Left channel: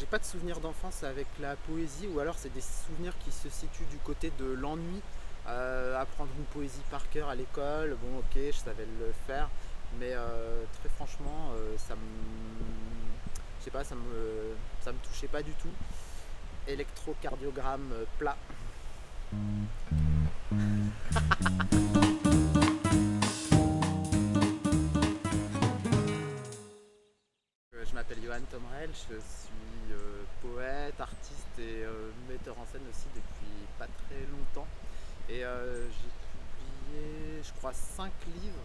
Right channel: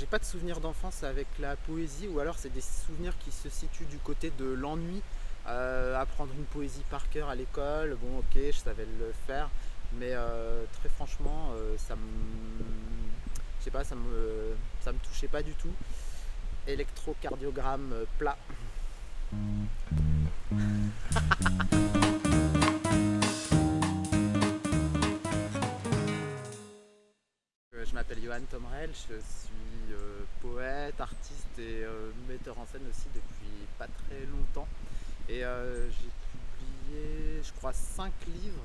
j'ai pas de souvenirs d'enfance avec la poésie, ou alors c'est des souvenirs qui se situent du côté de l'ennui. Apprendre une poésie par cœur à l'école, bon ok, je savais le faire, mais très franchement, je sais pas, ça me touchait pas du tout. Électrocardiogramme plat. Je m'appelle Johan Tomrel, je suis poète, artiste et metteur en scène aussi depuis pas très longtemps. Et j'ai publié, je crois, 5 livres,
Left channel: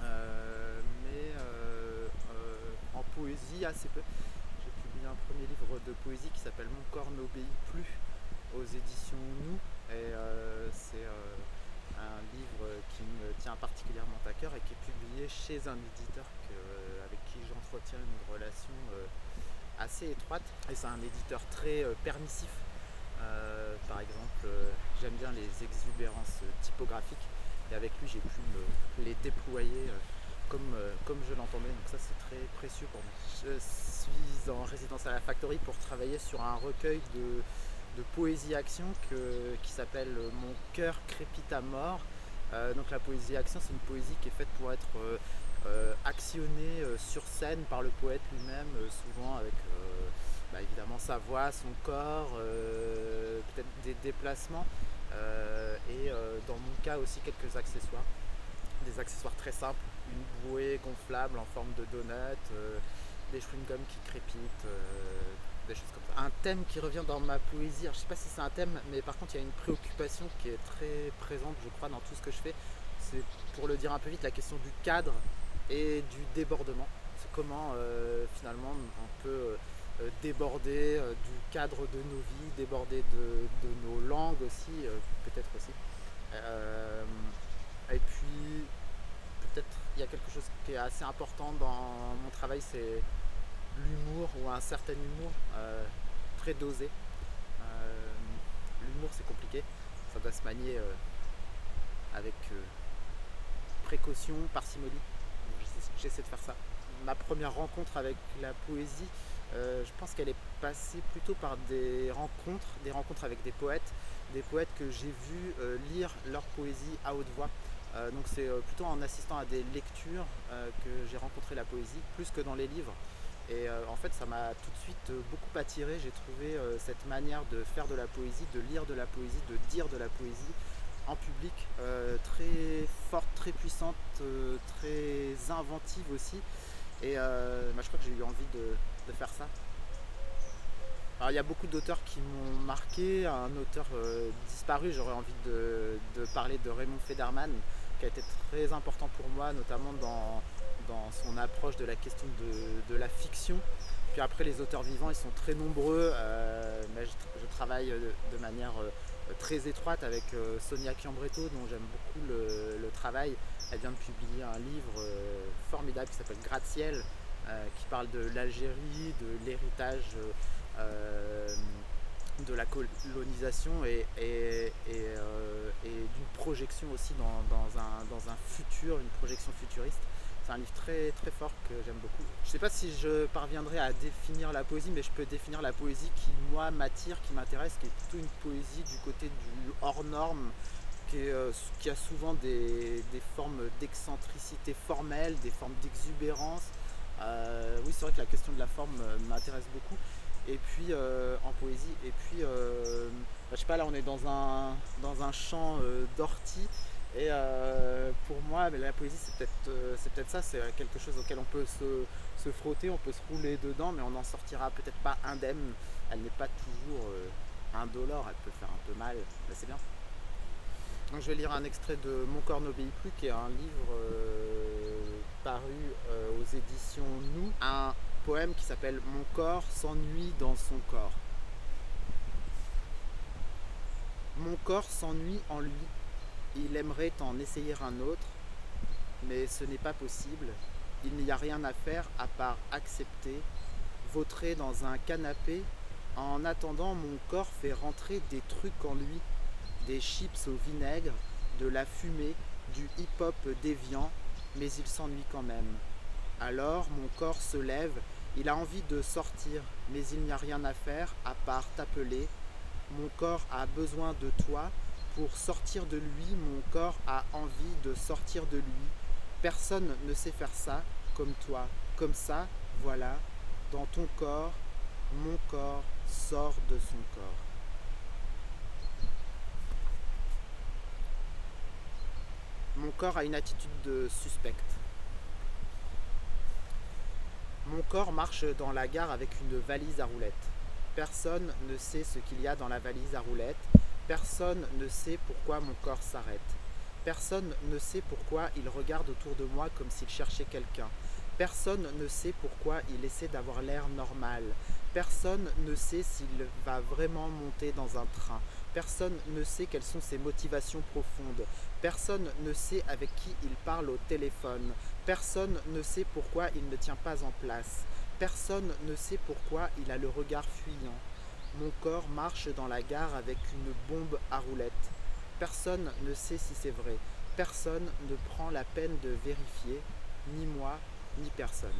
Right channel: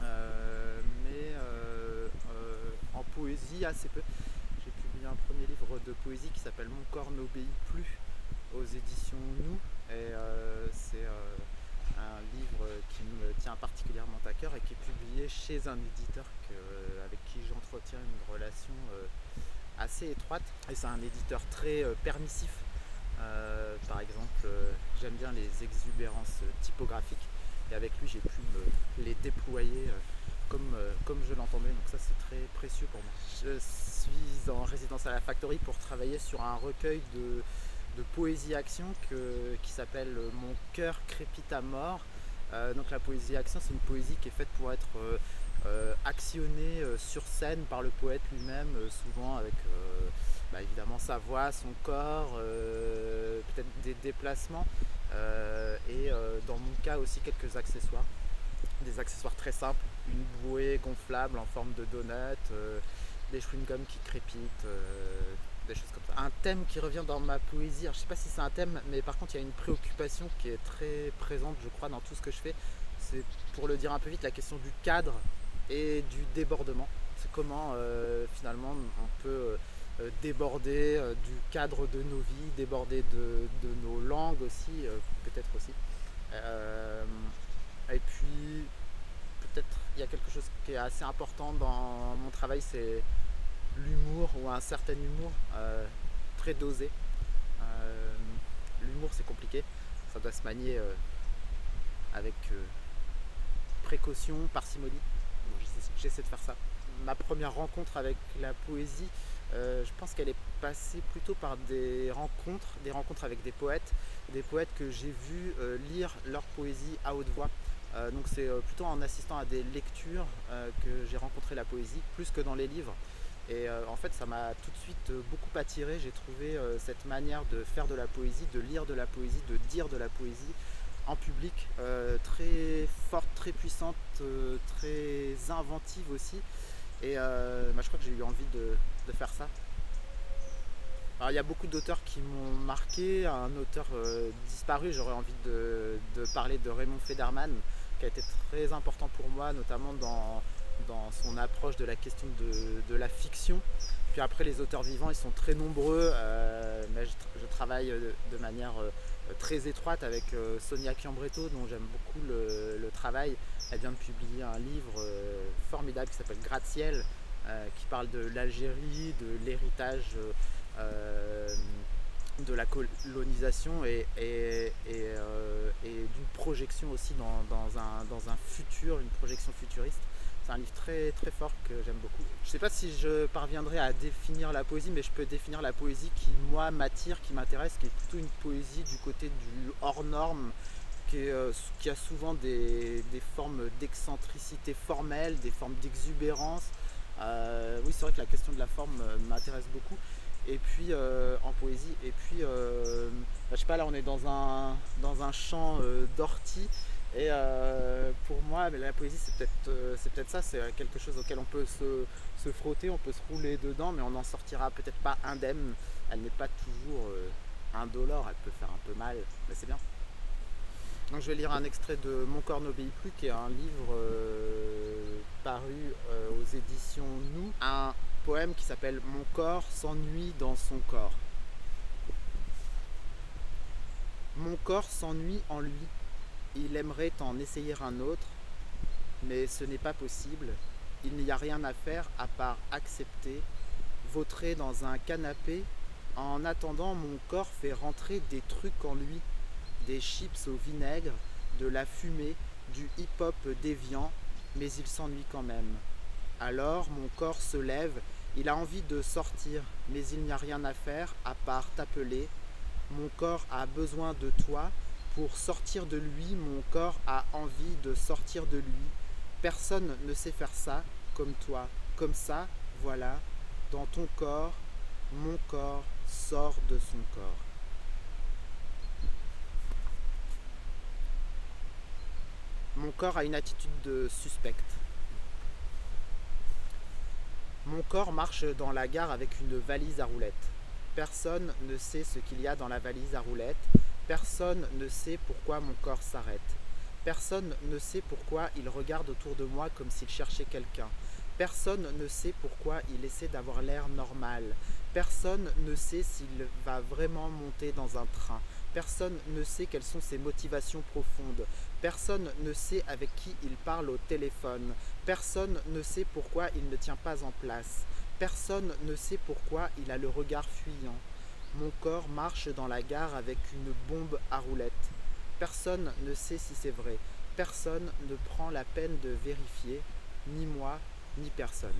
mais en poésie assez peu. J'ai publié un premier livre de poésie qui s'appelle Mon corps n'obéit plus aux éditions Nous. Et c'est un livre qui me tient particulièrement à cœur et qui est publié chez un éditeur avec qui j'entretiens une relation assez étroite. Et c'est un éditeur très permissif. Par exemple, j'aime bien les exubérances typographiques et avec lui j'ai pu les déployer comme je l'entendais, donc ça c'est très précieux pour moi. Je suis en résidence à la Factory pour travailler sur un recueil de poésie action qui s'appelle Mon cœur crépite à mort. Donc la poésie action, c'est une poésie qui est faite pour être actionnée sur scène par le poète lui-même, souvent avec évidemment sa voix, son corps, peut-être des déplacements et dans mon cas aussi quelques accessoires. Des accessoires très simples, une bouée gonflable en forme de donut, des chewing-gums qui crépitent, des choses comme ça. Un thème qui revient dans ma poésie, alors, je ne sais pas si c'est un thème, mais par contre il y a une préoccupation qui est très présente, je crois, dans tout ce que je fais. C'est, pour le dire un peu vite, la question du cadre et du débordement. C'est comment finalement on peut déborder du cadre de nos vies, déborder de nos langues aussi, peut-être aussi. Euh, et puis peut-être il y a quelque chose qui est assez important dans mon travail, c'est l'humour ou un certain humour très dosé. Euh, L'humour c'est compliqué, ça doit se manier avec précaution, parcimonie. Bon, j'essaie de faire ça. Ma première rencontre avec la poésie, je pense qu'elle est passée plutôt par des rencontres avec des poètes que j'ai vus lire leur poésie à haute voix. Donc c'est plutôt en assistant à des lectures que j'ai rencontré la poésie, plus que dans les livres. Et en fait, ça m'a tout de suite beaucoup attiré. J'ai trouvé cette manière de faire de la poésie, de lire de la poésie, de dire de la poésie en public, très forte, très puissante, très inventive aussi. Et je crois que j'ai eu envie de faire ça. Alors il y a beaucoup d'auteurs qui m'ont marqué. Un auteur disparu, j'aurais envie de parler de Raymond Federman, qui a été très important pour moi, notamment dans son approche de la question de la fiction. Puis après, les auteurs vivants, ils sont très nombreux, mais je travaille de manière très étroite avec Sonia Chiambretto, dont j'aime beaucoup le travail. Elle vient de publier un livre formidable qui s'appelle Gratte-ciel, qui parle de l'Algérie, de l'héritage de la colonisation et d'une projection aussi dans un futur, une projection futuriste. C'est un livre très, très fort que j'aime beaucoup. Je ne sais pas si je parviendrai à définir la poésie, mais je peux définir la poésie qui, moi, m'attire, qui m'intéresse, qui est plutôt une poésie du côté du hors norme, qui a souvent des formes d'excentricité formelle, des formes d'exubérance. Oui, c'est vrai que la question de la forme m'intéresse beaucoup. Et puis en poésie, et puis je sais pas, là on est dans un champ d'ortie, et pour moi la poésie c'est peut-être ça, c'est quelque chose auquel on peut se frotter, on peut se rouler dedans, mais on n'en sortira peut-être pas indemne. Elle n'est pas toujours indolore, elle peut faire un peu mal, mais c'est bien. Donc je vais lire un extrait de Mon corps n'obéit plus, qui est un livre paru aux éditions Nous, un poème qui s'appelle Mon corps s'ennuie dans son corps. Mon corps s'ennuie en lui, il aimerait en essayer un autre, mais ce n'est pas possible. Il n'y a rien à faire à part accepter, vautrer dans un canapé. En attendant, mon corps fait rentrer des trucs en lui, des chips au vinaigre, de la fumée, du hip-hop déviant, mais il s'ennuie quand même. Alors mon corps se lève, Il a envie de sortir, mais il n'y a rien à faire à part t'appeler. Mon corps a besoin de toi. Pour sortir de lui, mon corps a envie de sortir de lui. Personne ne sait faire ça comme toi. Comme ça, voilà, dans ton corps, mon corps sort de son corps. Mon corps a une attitude de suspecte. Mon corps marche dans la gare avec une valise à roulettes. Personne ne sait ce qu'il y a dans la valise à roulettes. Personne ne sait pourquoi mon corps s'arrête. Personne ne sait pourquoi il regarde autour de moi comme s'il cherchait quelqu'un. Personne ne sait pourquoi il essaie d'avoir l'air normal. Personne ne sait s'il va vraiment monter dans un train. Personne ne sait quelles sont ses motivations profondes. Personne ne sait avec qui il parle au téléphone. Personne ne sait pourquoi il ne tient pas en place. Personne ne sait pourquoi il a le regard fuyant. Mon corps marche dans la gare avec une bombe à roulettes. Personne ne sait si c'est vrai. Personne ne prend la peine de vérifier, ni moi, ni personne.